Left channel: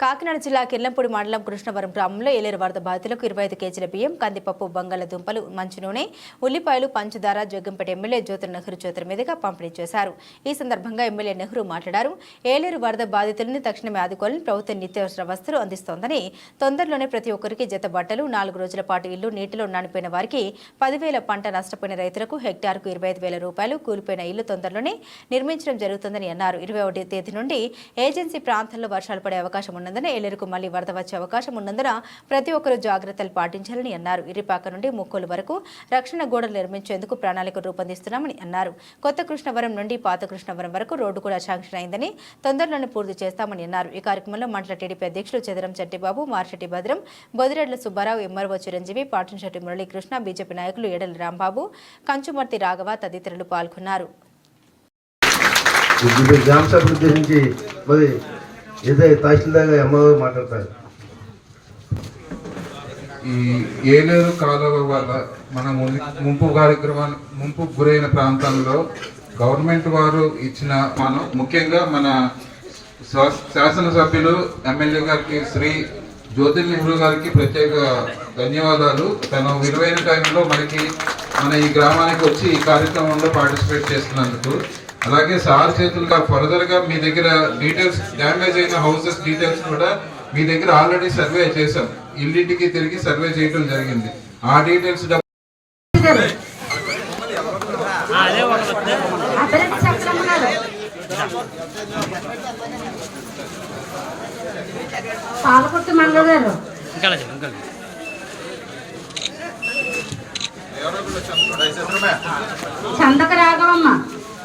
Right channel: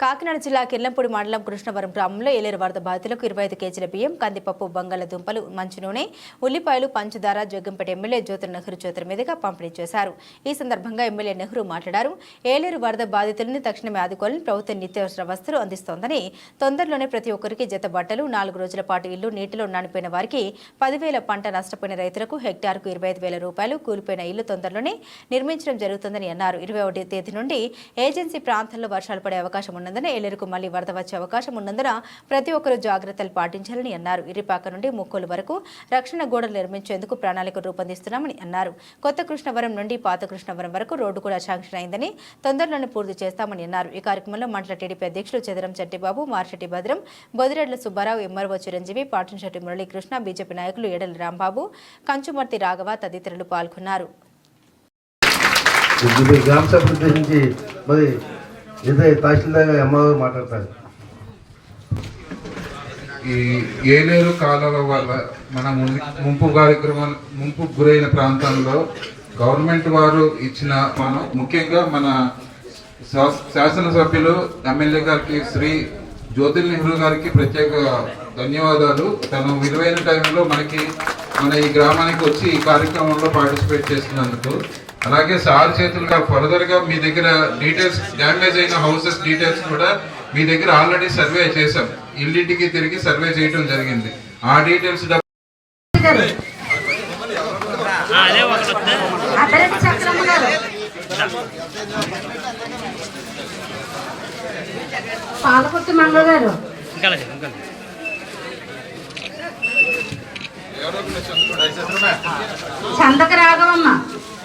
కాకినాడ జిల్లా కిర్లంపూడి మండలం కృష్ణవరం గ్రామంలో ఏలేరు వరద బాధితులకు ఇరవై ఐదు కేజీల బియ్యం కందిపప్పు బంగాళదుంపలు మంచి నూనె ఉల్లిపాయలు పంచదార జగ్గంపేట ఎమ్మెల్యే జ్యోతి నెహ్రూ చేతుల మీదుగా పంపిణీ చేశారు. ఈ సందర్భంగా ఎమ్మెల్యే నెహ్రూ మాట్లాడారు. ఏలేరు వరద బాధితులను తక్షణమే ఆదుకోవాలని ప్రభుత్వం నిత్యావసర వస్తువులు అందిస్తోందని తొందరలోనే ప్రతి ఒక్కరికి జత బట్టలు నాలుగు రోజుల పాటు ఇల్లు నీటిలో నానిపోయిన వారికి పదివేల పంట నష్టపోయిన రైతులకు హెక్టార్కు ఇరవై ఐదు వేల రూపాయలు కూలిపోయిన ఇల్లు తొందరలోనే నిర్మించడం జరుగుతుందని అన్నారు. ఇరవై ఒకటి తేదీ నుండి ఏజెన్సీ ప్రాంతాల్లో వర్షాలు పడే అవకాశం ఉన్నందున ఏలేరుకు మళ్ళీ వరద వచ్చే అవకాశం ఉన్నందున ప్రతి ఒక్కరూ జాగ్రత్తలు పాటించాలని అన్నారు. ఇరిపాక నుండి ముక్కోలు వరకు రక్షణ గోడలు నిర్మించేందుకు ప్రణాళిక రూపొందిస్తున్నామని అన్నారు. కొత్త కృష్ణవరం నుండి పాత కృష్ణవరం వరకు రోడ్డు కూడా శాంక్షన్ అయిందని తొందరలోనే పూర్తి చేస్తామని అన్నారు. ఈ కార్యక్రమంలో మండల టీడీపీ అధ్యక్షులు చెదరం చెట్టిబాబు మార్షెట్టి భద్రం బొదిరెడ్ల సుబ్బారావు ఎంఆర్ఓ చిరంజీవి పాటంశెట్టి మురళీకృష్ణ బీజేపీ నాయకులు ఎడల రాంబాబు కంచుమర్తి రాఘవ తదితరులు పాల్గొన్నారు. ఇదే తహసీల్దార్ అమ్మగారు మాట్లాడతారు. ఈ ఏలేరు కాలువ వల్ల మన ముంపు కార్యక్రమం ముంపు గురైన ప్రాంతంలో గవర్నమెంట్ వారు ఇచ్చిన మనం ముఖ్యంగా మన శా- శాసనసభ్యులు ఎమ్మెల్యే గారికి శ్రీ జ్యోతి నెహ్రూ గారికి ప్రత్యేక ధన్యవాదాలు. తను విలువైన టైంలో మనకి మన ఈ గ్రామానికి వచ్చి ఈ కార్యక్రమంలో పార్టిసిపేట్ చేస్తున్నందుకు అలాగే సార్ చేతులుగా ఫర్దర్గా మీ దగ్గర డీటెయిల్స్ డ్యామేజ్ అయిన హౌసెస్ డీటెయిల్స్ కూడా మీ దగ్గర ఆల్రెడీ సర్వే చేశాం. ఇల్లింటికి తిరిగి సర్వే చేయడం జరిగింది. ఆ డీటెయిల్స్ పాలకుర్తి గారు చందక రాఘవమ్మ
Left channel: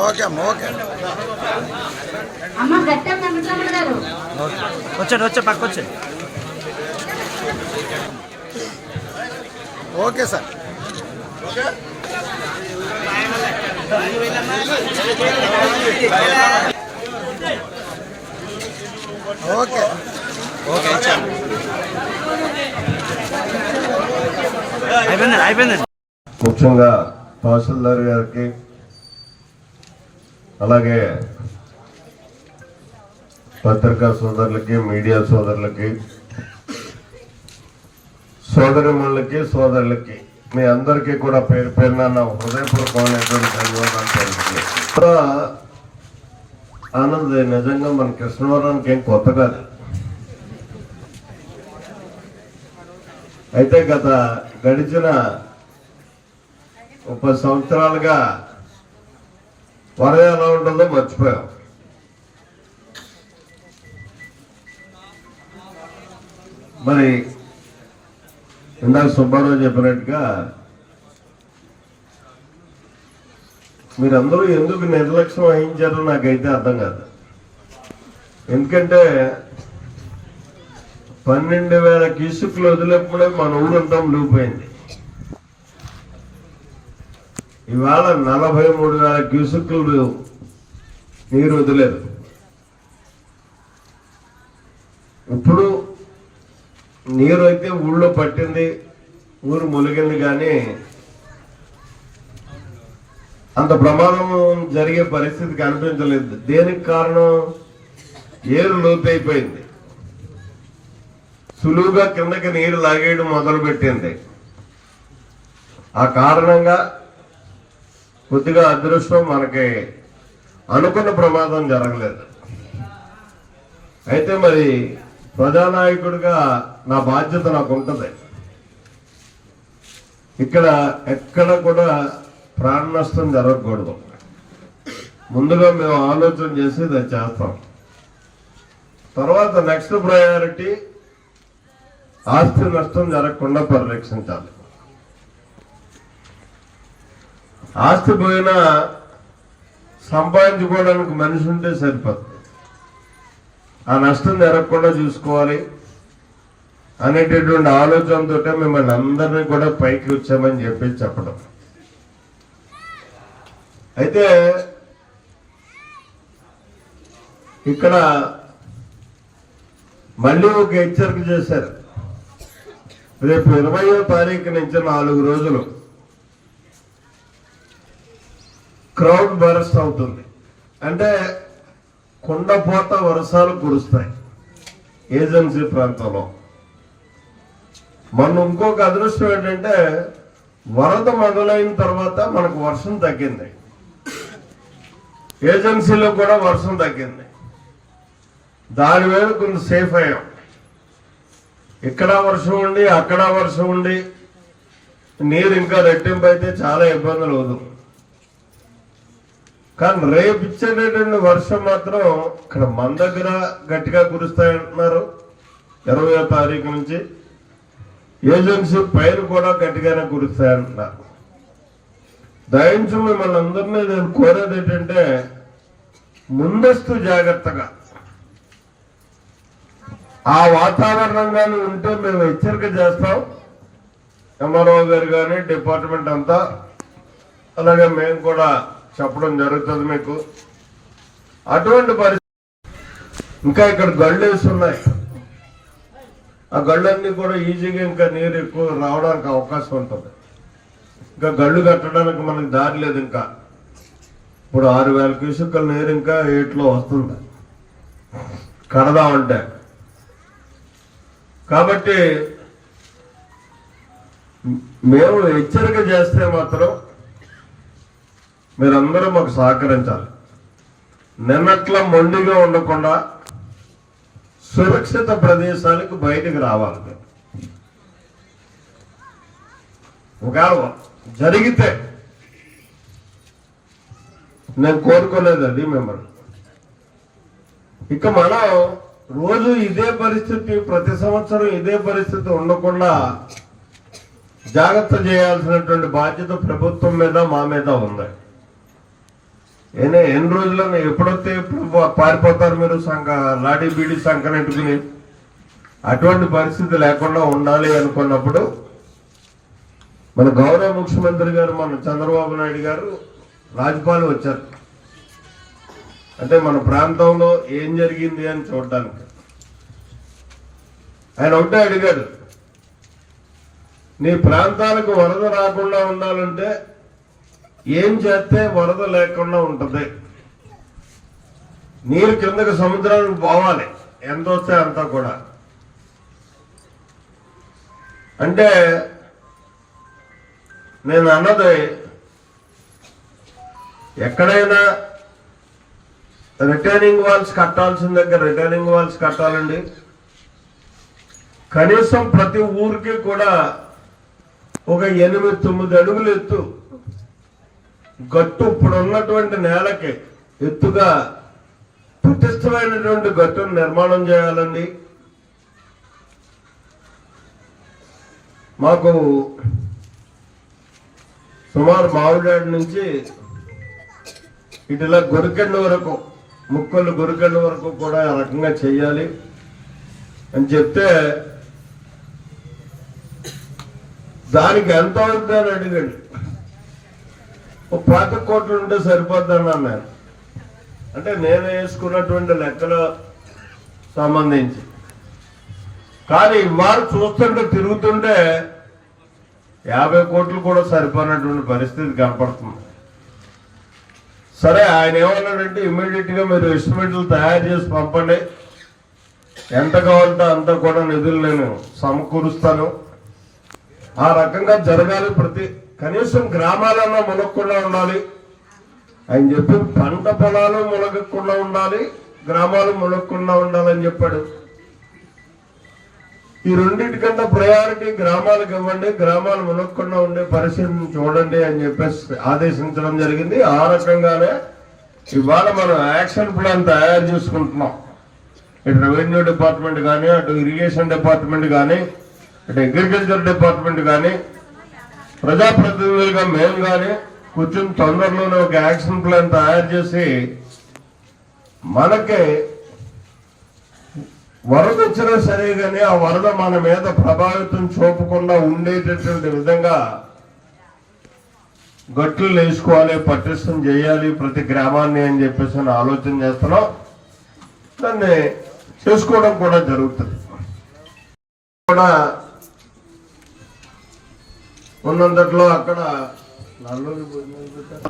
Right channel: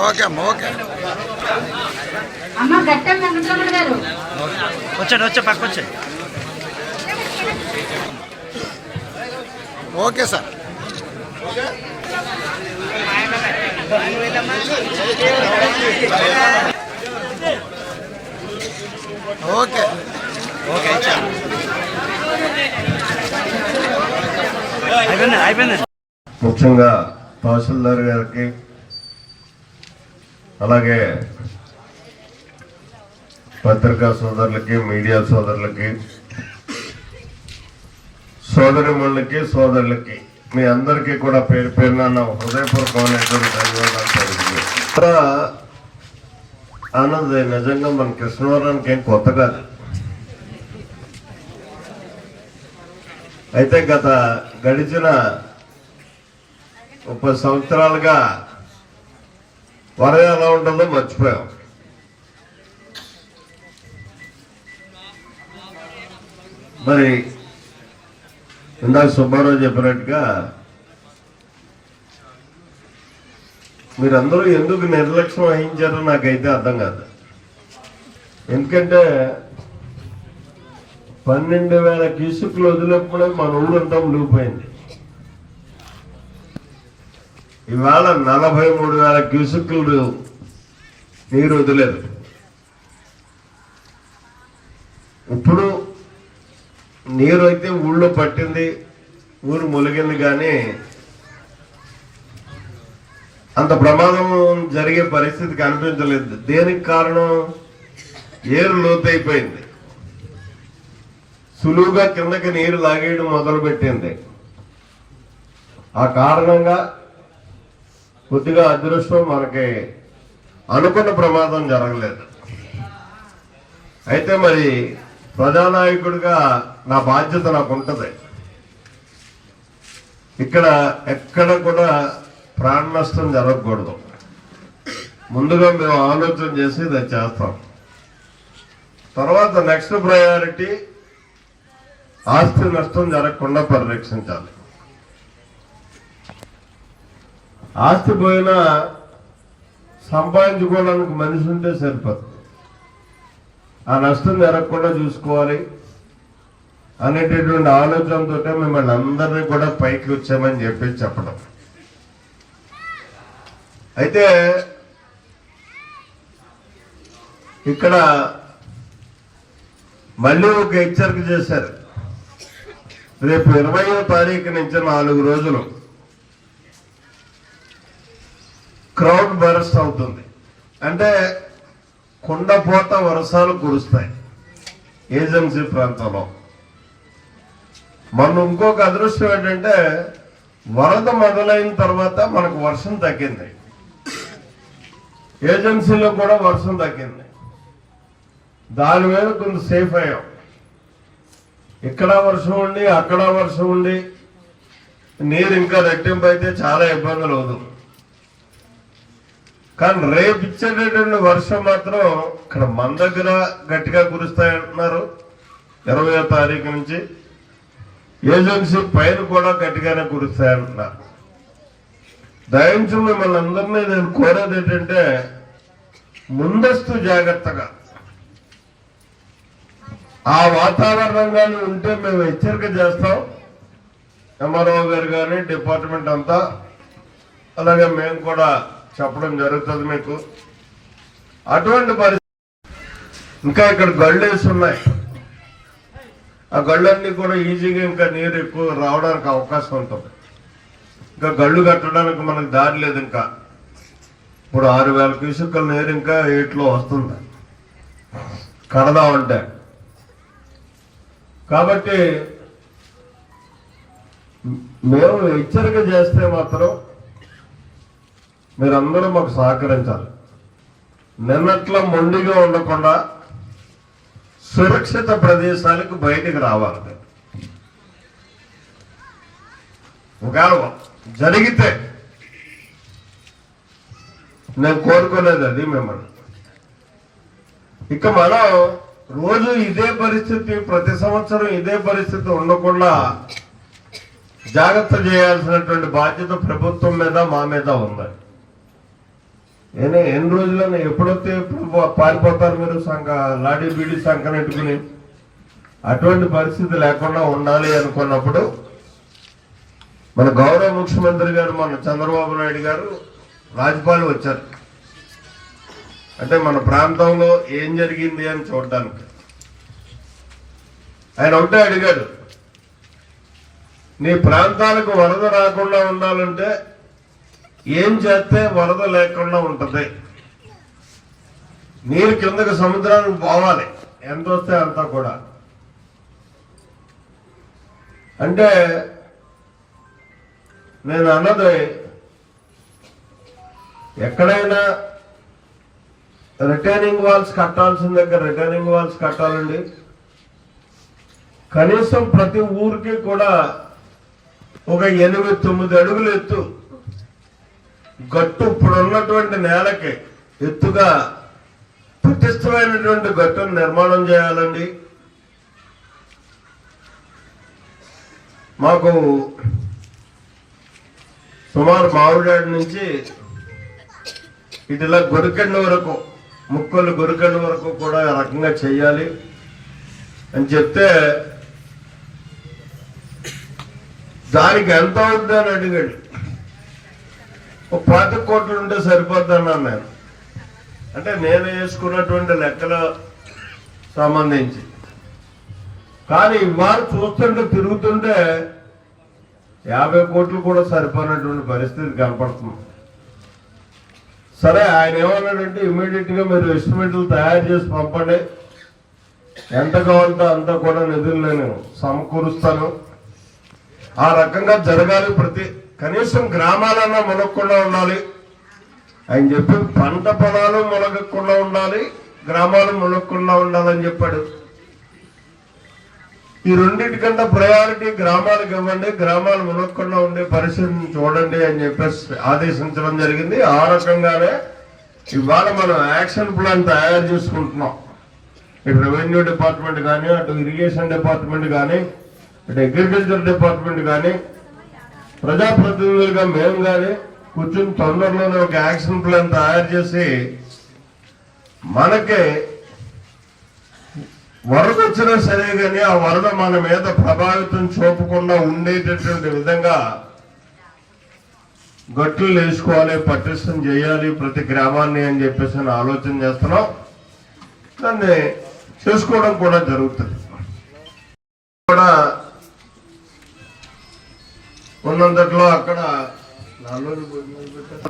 ఓకే అమ్మ ఓకే. వచ్చాడు వచ్చా పక్క వచ్చాడు ఓకే సార్. ఓకే. అయిపోయింది అయిపోయింది ముఖ్యంగా తహసీల్దార్ గారికి అలాగే పత్రికా సోదరులకి మీడియా సోదరులకి సోదరిములకి సోదరులకి మీ అందరికీ కూడా పేరు పేరున నా హృదయపూర్వకమైనటువంటి ధన్యవాదాలు తెలుపుతున్నాను. ఆనంద్ నిజంగా మన కృష్ణవరానికి ఏం కొత్త కాదు అయితే గత గడిచిన ముప్పై సంవత్సరాలుగా వరద ఎలా ఉంటుందో మర్చిపోయాం. మరి ఇందాక సుబ్బారావు చెప్పినట్టుగా మీరందరూ ఎందుకు నిర్లక్ష్యం వహించారో నాకైతే అర్థం కాదు. ఎందుకంటే పన్నెండు వేల క్యూసుకులు వదిలేప్పుడే మన ఊరంతా మునిగిపోయింది. ఇవాళ నలభై మూడు వేల క్యూసుకులు నీరు వదిలేదు. ఇప్పుడు నీరు అయితే ఊళ్ళో పట్టింది ఊరు ములిగింది కానీ అంత ప్రమాదం జరిగే పరిస్థితి కనిపించలేదు దేనికి కారణం? ఏరు లోతైపోయింది. సులువుగా కిందకి నీరు లాగేయడం మొదలుపెట్టింది. ఆ కారణంగా కొద్దిగా అదృష్టం మనకి అనుకున్న ప్రమాదం జరగలేదు. అయితే మరి ప్రజానాయకుడిగా నా బాధ్యత నాకు ఉంటుంది ఇక్కడ ఎక్కడ కూడా ప్రాణ నష్టం జరగకూడదు. ముందుగా మేము ఆలోచన చేసి ఇది చేస్తాం. తర్వాత నెక్స్ట్ ప్రయారిటీ ఆస్తి నష్టం జరగకుండా పరిరక్షించాలి. ఆస్తి పోయినా సంపాదించుకోవడానికి మనిషి ఉంటే సరిపోతుంది. ఆ నష్టం జరగకుండా చూసుకోవాలి అనేటటువంటి ఆలోచనతో మిమ్మల్ని అందరినీ కూడా పైకి వచ్చామని చెప్పి చెప్పడం. అయితే ఇక్కడ మళ్ళీ ఒక హెచ్చరిక చేశారు. రేపు ఇరవయో తారీఖు నుంచి నాలుగు రోజులు క్రౌడ్ బరస్ట్ అవుతుంది. అంటే కుండపోత వర్షాలు కురుస్తాయి. ఏజెన్సీ ప్రాంతంలో. మనం ఇంకొక అదృష్టం ఏంటంటే వరద మొదలైన తర్వాత మనకు వర్షం తగ్గింది. ఏజెన్సీలో కూడా వర్షం తగ్గింది. దాని మీద కొంచెం సేఫ్ అయ్యాం. ఇక్కడ వర్షం ఉండి అక్కడ వర్షం ఉండి నీరు ఇంకా రెట్టింపు అయితే చాలా ఇబ్బందులు అవుతుంది. కానీ రేపు ఇచ్చేటటువంటి వర్షం మాత్రం ఇక్కడ మన దగ్గర గట్టిగా కురుస్తాయంటున్నారు. ఇరవయో తారీఖు నుంచి ఏజెన్సీ పైన కూడా గట్టిగానే కురుస్తాయంటున్నారు. దయించు మిమ్మల్ని అందరినీ నేను కోరేది ఏంటంటే ముందస్తు జాగ్రత్తగా ఆ వాతావరణంగానే ఉంటే మేము హెచ్చరిక చేస్తాం. ఎంఆర్ఓ గారు కానీ డిపార్ట్మెంట్ అంతా అలాగే మేము కూడా చెప్పడం జరుగుతుంది మీకు. అటువంటి పరిస్థితి ఇంకా ఇక్కడ గళ్ళు ఉన్నాయి. ఆ గళ్ళన్నీ కూడా ఈజీగా ఇంకా నీరు ఎక్కువ రావడానికి అవకాశం ఉంటుంది. ఇంకా గళ్ళు కట్టడానికి మనకు దారి లేదు ఇంకా. ఇప్పుడు ఆరు వేల క్యూసెక్కుల నీరు ఇంకా ఏట్లో వస్తుంది. కడదామంటే కాబట్టి మేము హెచ్చరిక చేస్తే మాత్రం మీరందరూ మాకు సహకరించాలి. నిన్నట్ల మొండిగా ఉండకుండా సురక్షిత ప్రదేశాలకు బయటకు రావాలి ఒకవేళ జరిగితే నేను కోరుకునేది అది మిమ్మల్ని. ఇక మనం రోజు ఇదే పరిస్థితి ప్రతి సంవత్సరం ఇదే పరిస్థితి ఉండకుండా జాగ్రత్త చేయాల్సినటువంటి బాధ్యత ప్రభుత్వం మీద మా మీద ఉంది. ఎన్ని రోజుల్లో ఎప్పుడొస్తే ఎప్పుడు పారిపోతారు మీరు సంఘ లాడీ బీడీ సంకనెట్టుకుని అటువంటి పరిస్థితి లేకుండా ఉండాలి అనుకున్నప్పుడు మన గౌరవ ముఖ్యమంత్రి గారు మన చంద్రబాబు నాయుడు గారు రాజ్యపాల్ వచ్చారు. అంటే మన ప్రాంతంలో ఏం జరిగింది అని చూడడానికి. ఆయన ఒకటే అడిగాడు నీ ప్రాంతాలకు వరద రాకుండా ఉండాలంటే ఏం చేస్తే వరద లేకుండా ఉంటుంది? నీరు కిందకు సముద్రానికి పోవాలి. ఎంత వస్తే అంత కూడా. అంటే నేను అన్నది ఎక్కడైనా రిటర్నింగ్ వాల్స్ కట్టాల్సిన దగ్గర రిటర్నింగ్ వాల్స్ కట్టాలండి. కనీసం ప్రతి ఊరికి కూడా ఒక ఎనిమిది తొమ్మిది అడుగులు ఎత్తు. గట్టు ఇప్పుడు ఉన్నటువంటి నేలకి ఎత్తుగా పటిష్టమైనటువంటి గట్టును నిర్మాణం చేయాలండి. మాకు సుమారు మామిడాడి నుంచి ఇటులా గొరికండి వరకు ముక్కలు గొరికండి వరకు కూడా రకంగా చేయాలి. అని చెప్తే దానికి ఎంత అవుతుంది అని అడిగాడు. పాత కోట్లు ఉంటే సరిపోద్దన్నాను నేను అంటే నేను వేసుకున్నటువంటి లెక్కల సంబంధించి. కానీ వారు చూస్తుంటే తిరుగుతుంటే యాభై కోట్లు కూడా సరిపోయినటువంటి పరిస్థితి కనపడుతుంది. సరే ఆయన ఏమన్నాడంటే ఇమ్మీడియట్గా మీరు ఎస్టిమేట్లు తయారు చేసి పంపండి. ఎంత కావాలంటే అంత కూడా నిధులు నేను సమకూరుస్తాను. ఆ రకంగా జరగాలి ప్రతి కనీసం గ్రామాలన్నా మునగకుండా ఉండాలి. ఆయన చెప్పి పంట పొలాలు మునగకుండా ఉండాలి గ్రామాలు మునగకుండా ఉండాలని చెప్పాడు. ఈ రెండింటికంటే ప్రయారిటీ గ్రామాలకు ఇవ్వండి గ్రామాలు మునగకుండా ఉండే పరిస్థితిని చూడండి అని చెప్పేసి ఆదేశించడం జరిగింది. ఆ రకంగానే ఇవాళ మనం యాక్షన్ ప్లాన్ తయారు చేసుకుంటున్నాం. ఇటు రెవెన్యూ డిపార్ట్మెంట్ కానీ అటు ఇరిగేషన్ డిపార్ట్మెంట్ కానీ అటు అగ్రికల్చర్ డిపార్ట్మెంట్ కానీ ప్రజాప్రతినిధులుగా మేము కానీ కూర్చుని తొందరలోనే ఒక యాక్షన్ ప్లాన్ తయారు చేసి మనకి వరద వచ్చినా సరే కానీ ఆ వరద మన మీద ప్రభావితం చూపకుండా ఉండేటటువంటి విధంగా గట్లు వేసుకోవాలి పటిష్టం చేయాలి ప్రతి గ్రామాన్ని అని చెప్పేసి ఆలోచన చేస్తున్నాం. దాన్ని చేసుకోవడం కూడా జరుగుతుంది. కూడా ఉన్నంతట్లో అక్కడ భోజనాలు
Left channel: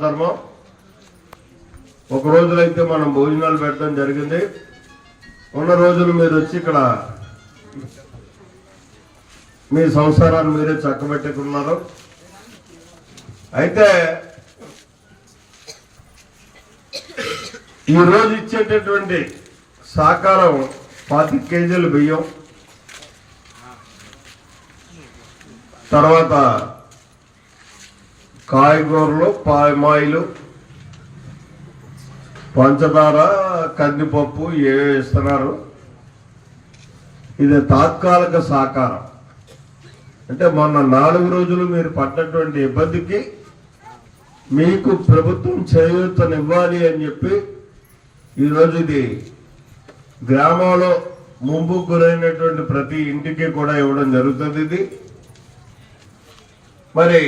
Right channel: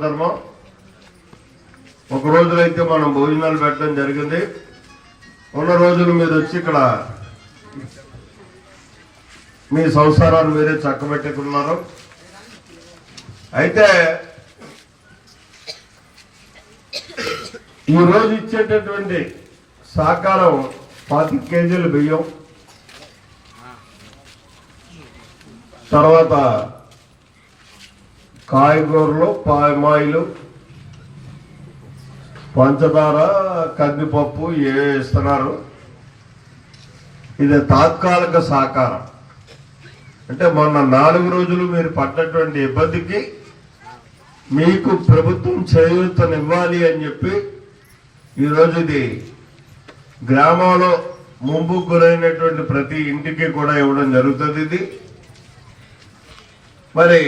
ధర్మం ఒక రోజులైతే మనం భోజనాలు పెట్టడం జరిగింది. ఉన్న రోజులు మీరు వచ్చి ఇక్కడ మీ సంసారాన్ని మీరే చక్కబెట్టుకున్నారు. అయితే ఈరోజు ఇచ్చేటటువంటి సాకారం పాతి కేజీలు బియ్యం తర్వాత కాయగూరలు పామాయిలు పంచదార కందిపప్పు ఏవే ఇస్తున్నారు. ఇది తాత్కాలిక సహకారం అంటే మొన్న నాలుగు రోజులు మీరు పడ్డటువంటి ఇబ్బందికి మీకు ప్రభుత్వం చేయూతనివ్వాలి అని చెప్పి ఈరోజు ఇది గ్రామంలో ముంపు గురైనటువంటి ప్రతి ఇంటికి కూడా ఇవ్వడం జరుగుతుంది ఇది. మరి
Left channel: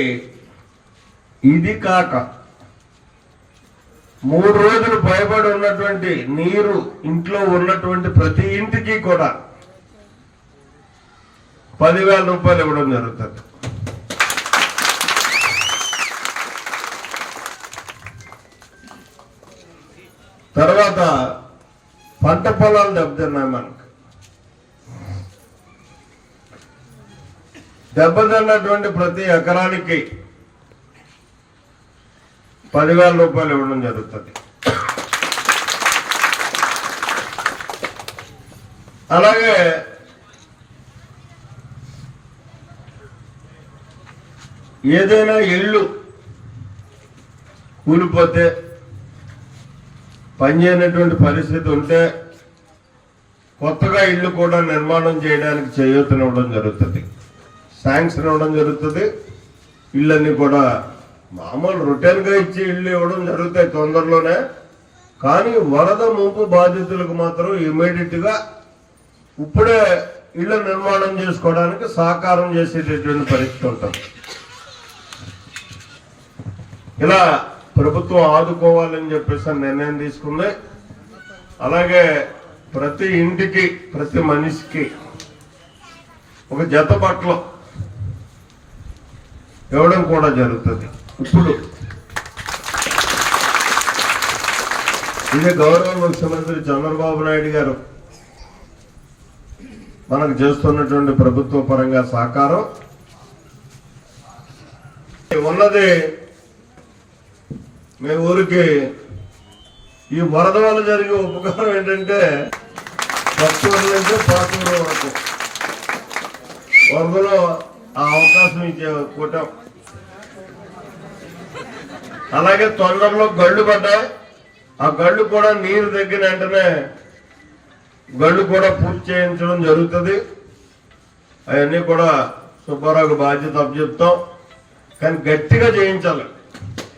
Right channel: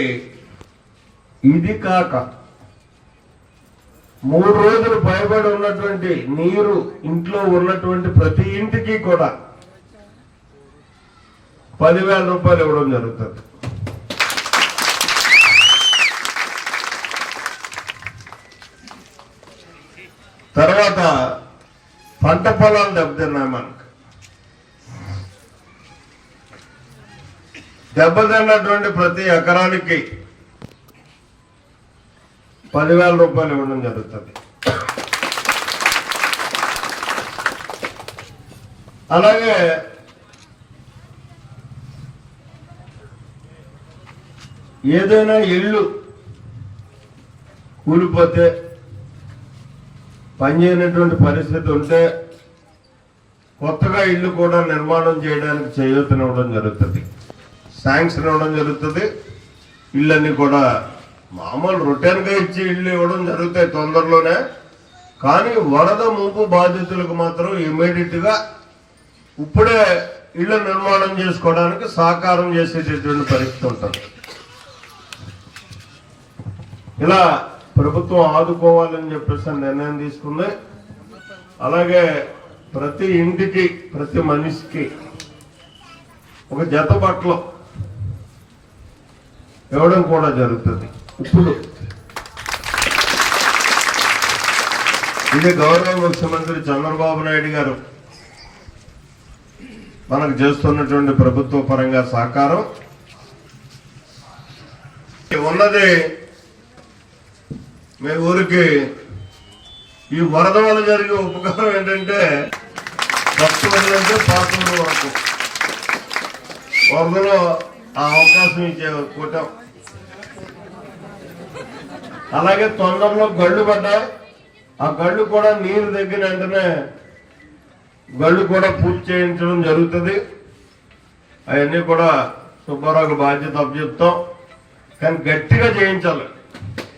ఇది కాక మూడు రోజులు భయపడి ఉన్నటువంటి నీరు ఇంట్లో ఉన్నటువంటి ప్రతి ఇంటికి కూడా పదివేల రూపాయలు ఇవ్వడం జరుగుతుంది. తర్వాత పంట పొలాలు దెబ్బతిన్నాయి మనకు. దెబ్బతిన్నటువంటి ప్రతి ఎకరానికి పదివేల రూపాయలు ఇవ్వడం జరుగుతుంది. అలాగే ఏదైనా ఇల్లు కూలిపోతే పనిచేయనటువంటి పరిస్థితి ఉంటే కొత్తగా ఇల్లు కూడా నిర్మాణం చేయడానికి చేయూతనివ్వడం జరుగుతుంది. శాంక్షన్ ఇవ్వడం జరుగుతుంది. ఇళ్ళన్నీ కూడా మామూలు రొటీన్గా ఇచ్చి ఇల్లు ఇవ్వడం జరుగుతాయి తొందరలోనే. కానీ వరద ముంపు బాధితులకు మాత్రం ఇమీడియట్గా ఇప్పుడే ఇళ్ళ నిర్మాణం చేసుకోవడానికి సహకారం చేసేటటువంటి పరిస్థితి ఉంటుంది. ఇలా ప్రభుత్వం ఆదుకోవాలని చెప్పేసి నిర్ణయం తీసుకుంది. అలాగే ప్రతి ఇంటికి ప్రతి మనిషికి ఒక జత బట్టలు ఇవ్వడం కూడా జరుగుతుంది. ఇప్పుడు ఇది గౌరవ ముఖ్యమంత్రి చంద్రబాబు నాయుడు గారు మనకు చేస్తున్నటువంటి ప్రభుత్వ పరంగా సహకారం. ఉన్నది మీ ఊరికి ఈ వరద వల్ల జరిగే ఉపకారం ఏంటంటే ఫస్ట్ అంటే పాత వరకు. వరదలో ఆ అవకాశం ఇచ్చే కూటం అలాగే తొందరలో గళ్ళు పడ్డాయి. ఆ గళ్ళు కూడా నీరు తగ్గిన వెంటనే గళ్ళు కూడా పూర్తి చేయించడం జరుగుతుంది. అవన్నీ కూడా సుబ్బారావుకి బాధ్యత అప్పచెప్తాం. కానీ గట్టిగా చేయించాలి.